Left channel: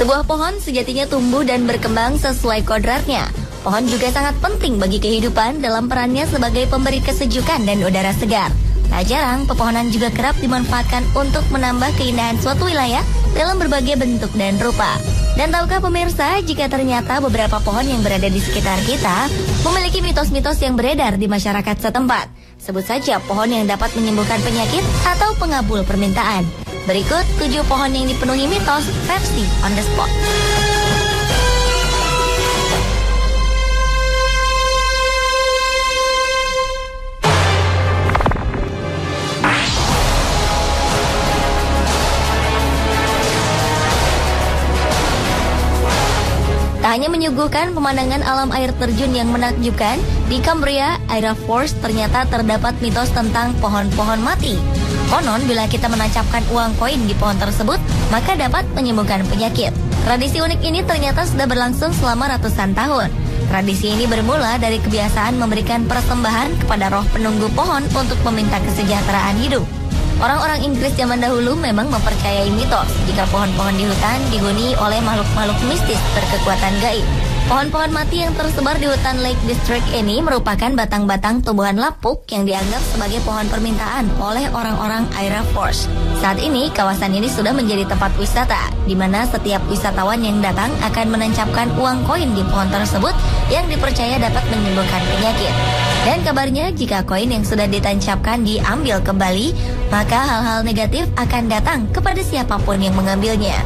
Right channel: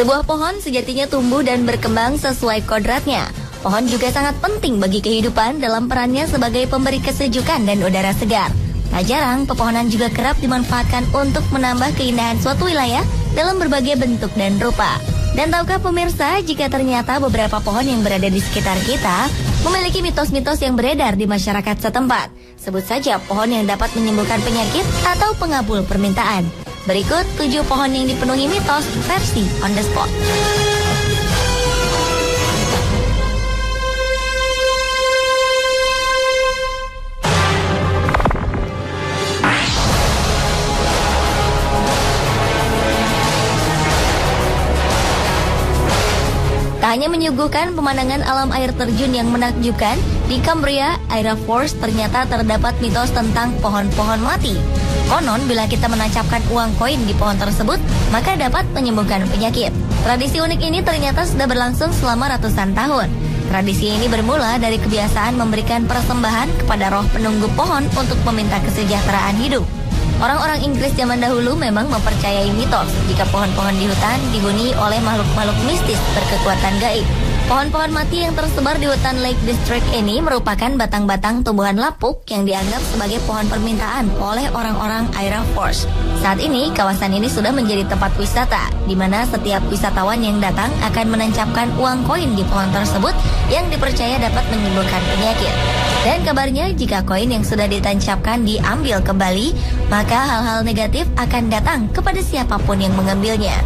Sebuah pohon sejatinya tumbuh dan berkembang sesuai kodratnya. Pohon juga sangat penting bagi kehidupan dalam perannya sebagai pemberi kesejukan dan udara segar. Tak jarang, pepohonan juga kerap dimanfaatkan untuk menambah keindahan suatu wilayah dalam berbagai bentuk dan rupa. Dan tahukah pemirsa, jika ternyata beberapa pohon yang berada di sekitar kita memiliki mitos-mitos yang beredar di masyarakat setempat. Sebut saja pohon yang dapat menyembuhkan penyakit atau pengabul permintaan. Berikut 7 pohon yang dipenuhi mitos versi on the spot. Tak hanya menyuguhkan pemandangan alam air terjun yang menakjubkan, di Cambria, Aira Force ternyata terdapat mitos tentang pohon-pohon mati. Konon, bila kita menancapkan uang koin di pohon tersebut, maka dapat menyembuhkan penyakit. Tradisi unik ini ternyata sudah berlangsung selama ratusan tahun. Tradisi ini bermula dari kebiasaan memberikan persembahan kepada roh penunggu pohon untuk meminta kesejahteraan hidup. Orang-orang Inggris zaman dahulu memang mempercayai mitos jika pohon-pohon di hutan dihuni oleh makhluk-makhluk mistis berkekuatan gaib. Pohon-pohon mati yang tersebar di hutan Lake District ini merupakan batang-batang tumbuhan lapuk yang dianggap sebagai pohon permintaan oleh orang-orang Aira Force. Saat ini, kawasan ini sudah menjadi tempat wisata, di mana setiap wisatawan yang datang akan menancapkan uang koin di pohon tersebut yang dipercaya dapat menyembuhkan penyakit. Dan kabarnya, jika koin yang sudah ditancapkan diambil kembali, maka hal-hal negatif akan datang kepada siapapun yang mengambilnya.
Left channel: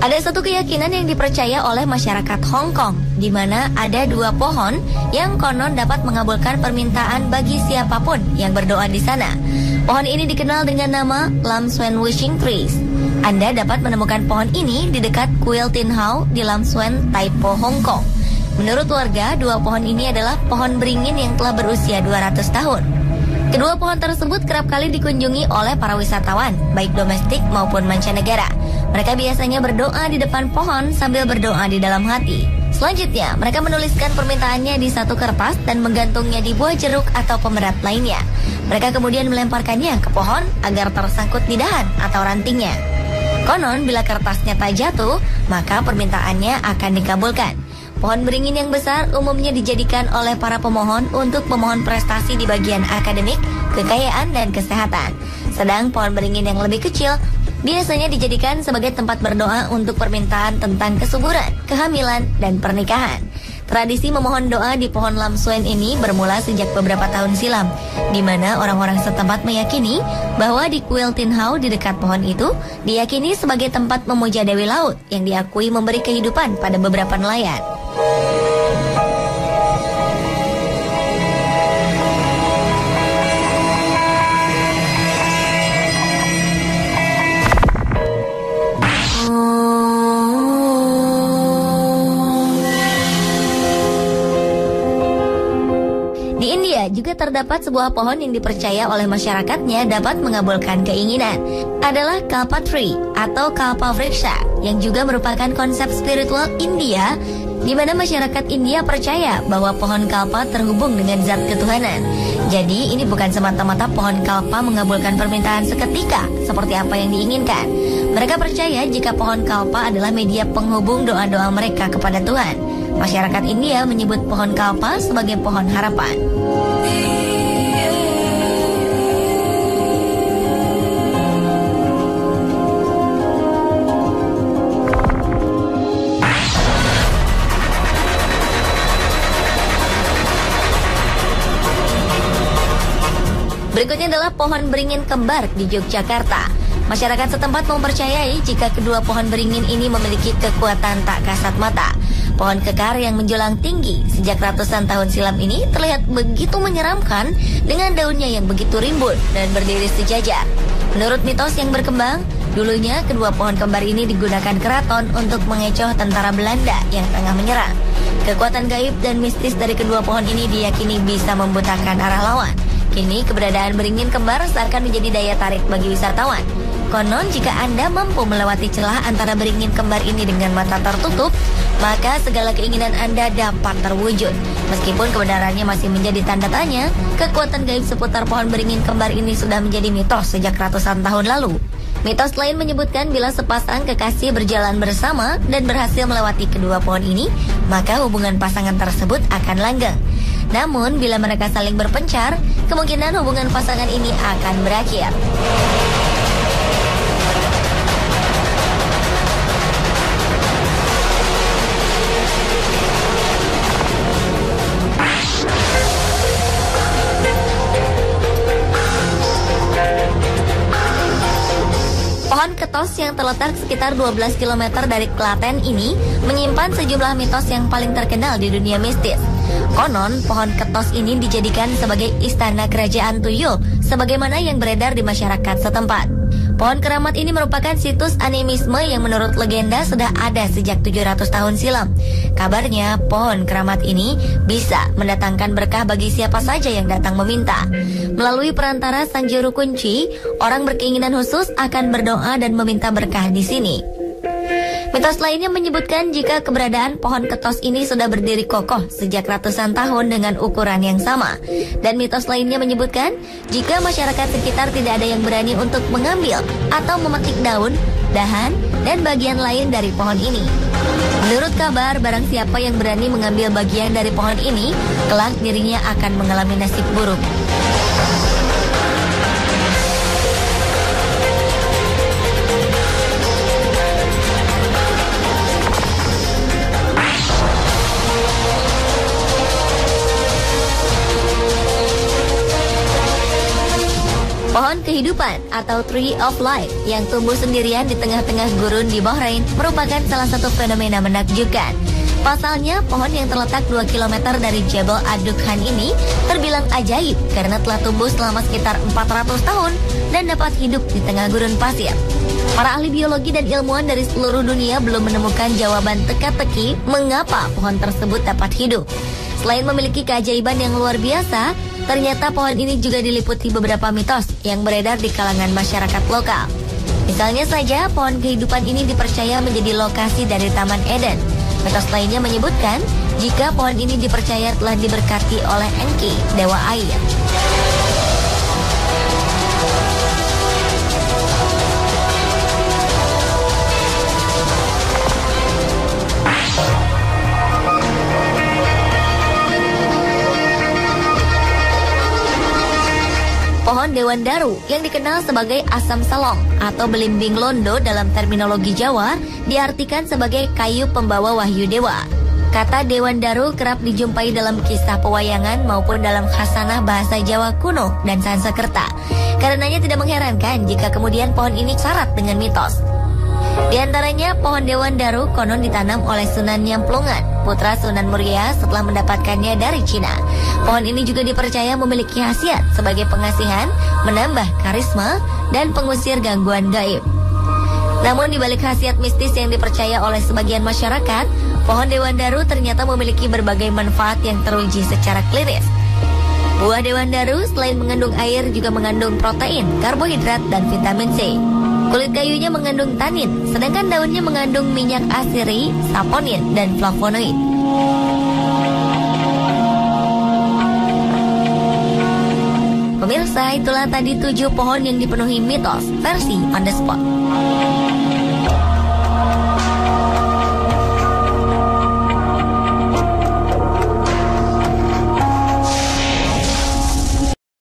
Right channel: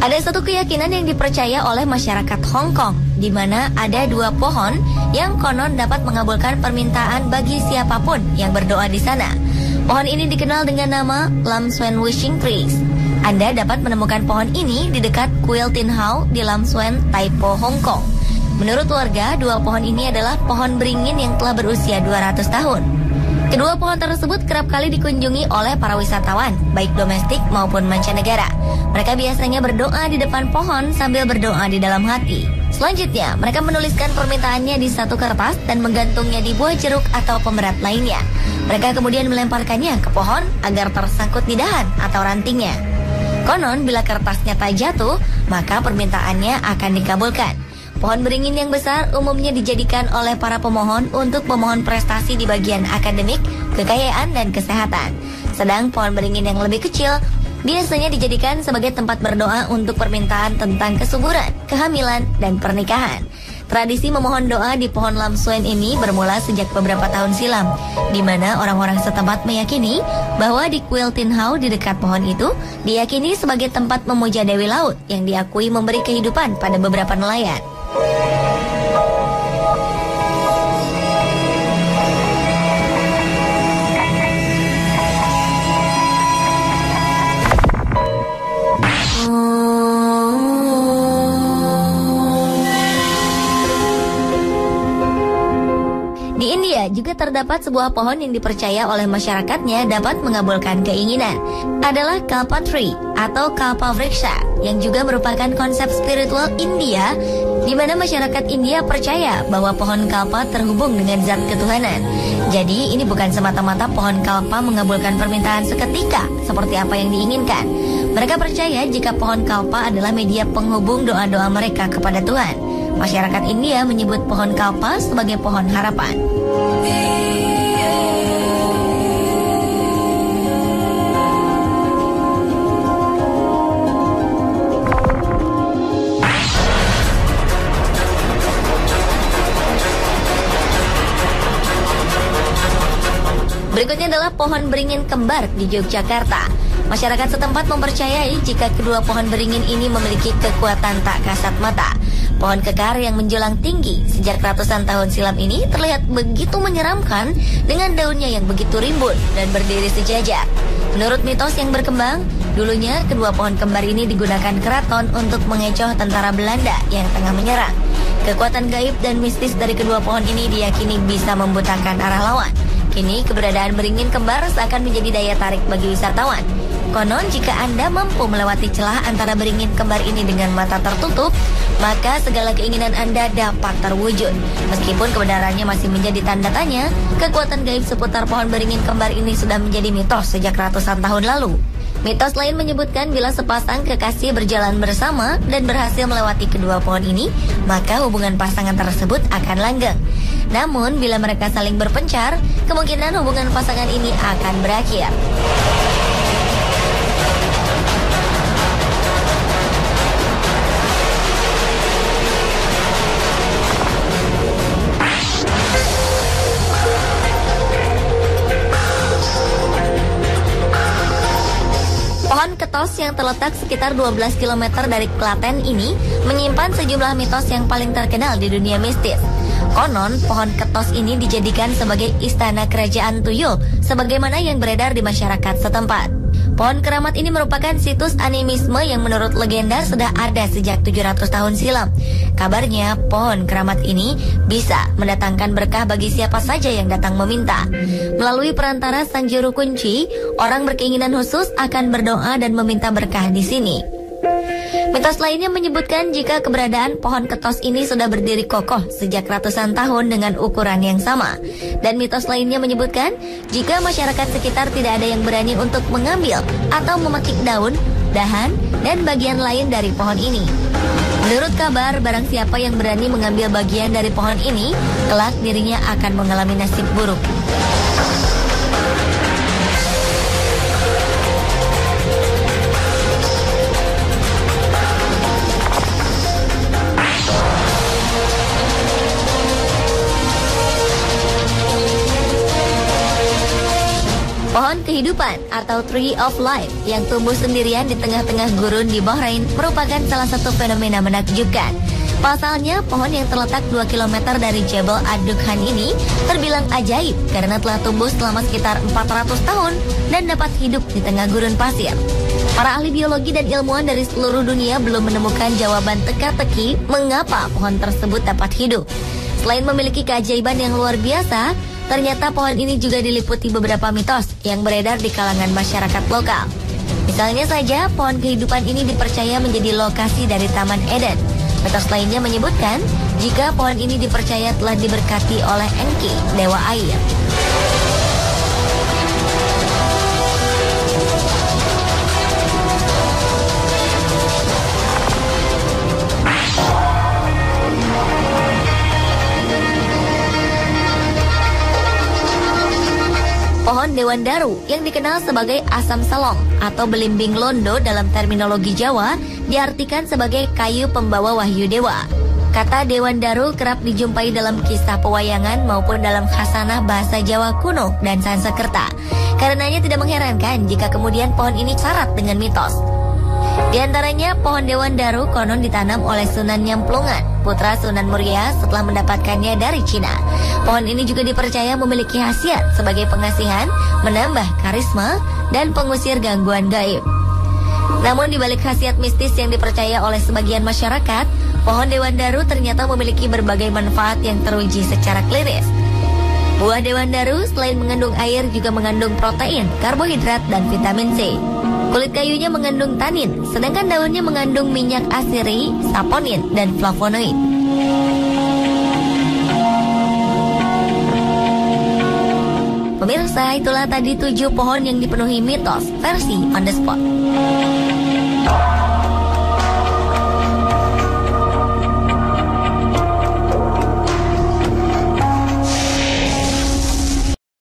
Ada satu keyakinan yang dipercaya oleh masyarakat Hong Kong, di mana ada 2 pohon yang konon dapat mengabulkan permintaan bagi siapapun yang berdoa di sana. Pohon ini dikenal dengan nama Lam Suen Wishing Trees. Anda dapat menemukan pohon ini di dekat Kuil Tin Hau di Lam Suen, Tai Po, Hong Kong. Menurut warga, 2 pohon ini adalah pohon beringin yang telah berusia 200 tahun. Kedua pohon tersebut kerap kali dikunjungi oleh para wisatawan, baik domestik maupun mancanegara. Mereka biasanya berdoa di depan pohon sambil berdoa di dalam hati. Selanjutnya, mereka menuliskan permintaannya di satu kertas dan menggantungnya di buah jeruk atau pemerat lainnya. Mereka kemudian melemparkannya ke pohon agar tersangkut di dahan atau rantingnya. Konon, bila kertasnya tak jatuh, maka permintaannya akan dikabulkan. Pohon beringin yang besar umumnya dijadikan oleh para pemohon untuk pemohon prestasi di bagian akademik, kekayaan, dan kesehatan. Sedang pohon beringin yang lebih kecil biasanya dijadikan sebagai tempat berdoa untuk permintaan tentang kesuburan, kehamilan, dan pernikahan. Tradisi memohon doa di pohon Lam Suen ini bermula sejak beberapa tahun silam, di mana orang-orang setempat meyakini bahwa di Kuil Tin Hau di dekat pohon itu diyakini sebagai tempat memuja Dewi Laut yang diakui memberi kehidupan pada beberapa nelayan. Di India juga terdapat sebuah pohon yang dipercaya oleh masyarakatnya dapat mengabulkan keinginan. Adalah Kalpa Tree atau Kalpa Vriksha, yang juga merupakan konsep spiritual India, di mana masyarakat India percaya bahwa pohon kalpa terhubung dengan zat ketuhanan. Jadi ini bukan semata-mata pohon kalpa mengabulkan permintaan seketika seperti apa yang diinginkan. Mereka percaya jika pohon kalpa adalah media penghubung doa-doa mereka kepada Tuhan. Masyarakat India menyebut pohon kalpa sebagai pohon harapan. Berikutnya adalah pohon beringin kembar di Yogyakarta. Masyarakat setempat mempercayai jika kedua pohon beringin ini memiliki kekuatan tak kasat mata. Pohon kekar yang menjulang tinggi sejak ratusan tahun silam ini terlihat begitu menyeramkan dengan daunnya yang begitu rimbun dan berdiri sejajar. Menurut mitos yang berkembang, dulunya kedua pohon kembar ini digunakan keraton untuk mengecoh tentara Belanda yang tengah menyerang. Kekuatan gaib dan mistis dari kedua pohon ini diyakini bisa membutakan arah lawan. Kini keberadaan beringin kembar seakan menjadi daya tarik bagi wisatawan. Konon jika Anda mampu melewati celah antara beringin kembar ini dengan mata tertutup, maka segala keinginan Anda dapat terwujud. Meskipun kebenarannya masih menjadi tanda tanya, kekuatan gaib seputar pohon beringin kembar ini sudah menjadi mitos sejak ratusan tahun lalu. Mitos lain menyebutkan bila sepasang kekasih berjalan bersama dan berhasil melewati kedua pohon ini, maka hubungan pasangan tersebut akan langgeng. Namun bila mereka saling berpencar, kemungkinan hubungan pasangan ini akan berakhir. Pohon ketos yang terletak sekitar 12 km dari Klaten ini menyimpan sejumlah mitos yang paling terkenal di dunia mistis. Konon, pohon ketos ini dijadikan sebagai istana kerajaan Tuyul, sebagaimana yang beredar di masyarakat setempat. Pohon keramat ini merupakan situs animisme yang menurut legenda sudah ada sejak 700 tahun silam. Kabarnya, pohon keramat ini bisa mendatangkan berkah bagi siapa saja yang datang meminta. Melalui perantara Sang Juru Kunci, orang berkeinginan khusus akan berdoa dan meminta berkah di sini. Mitos lainnya menyebutkan jika keberadaan pohon ketos ini sudah berdiri kokoh sejak ratusan tahun dengan ukuran yang sama. Dan mitos lainnya menyebutkan jika masyarakat sekitar tidak ada yang berani untuk mengambil atau memetik daun, dahan, dan bagian lain dari pohon ini. Menurut kabar, barang siapa yang berani mengambil bagian dari pohon ini, kelak dirinya akan mengalami nasib buruk. Pohon kehidupan atau Tree of Life yang tumbuh sendirian di tengah-tengah gurun di Bahrain merupakan salah satu fenomena menakjubkan. Pasalnya, pohon yang terletak 2 km dari Jebel Ad-Dukhan ini terbilang ajaib karena telah tumbuh selama sekitar 400 tahun dan dapat hidup di tengah gurun pasir. Para ahli biologi dan ilmuwan dari seluruh dunia belum menemukan jawaban teka-teki mengapa pohon tersebut dapat hidup. Selain memiliki keajaiban yang luar biasa, ternyata pohon ini juga diliputi beberapa mitos yang beredar di kalangan masyarakat lokal. Misalnya saja, pohon kehidupan ini dipercaya menjadi lokasi dari Taman Eden. Mitos lainnya menyebutkan jika pohon ini dipercaya telah diberkati oleh Enki, dewa air. Pohon Dewan Daru yang dikenal sebagai asam salong atau belimbing londo dalam terminologi Jawa diartikan sebagai kayu pembawa wahyu dewa. Kata Dewan Daru kerap dijumpai dalam kisah pewayangan maupun dalam khasanah bahasa Jawa kuno dan Sanskerta. Karenanya tidak mengherankan jika kemudian pohon ini syarat dengan mitos. Di antaranya, pohon Dewan Daru konon ditanam oleh Sunan Nyamplungan, putra Sunan Muria setelah mendapatkannya dari Cina. Pohon ini juga dipercaya memiliki khasiat sebagai pengasihan, menambah karisma, dan pengusir gangguan gaib. Namun di balik khasiat mistis yang dipercaya oleh sebagian masyarakat, pohon Dewan Daru ternyata memiliki berbagai manfaat yang teruji secara klinis. Buah Dewan Daru selain mengandung air juga mengandung protein, karbohidrat, dan vitamin C. Kulit kayunya mengandung tanin, sedangkan daunnya mengandung minyak asiri, saponin, dan flavonoid. Pemirsa, itulah tadi 7 pohon yang dipenuhi mitos versi on the spot.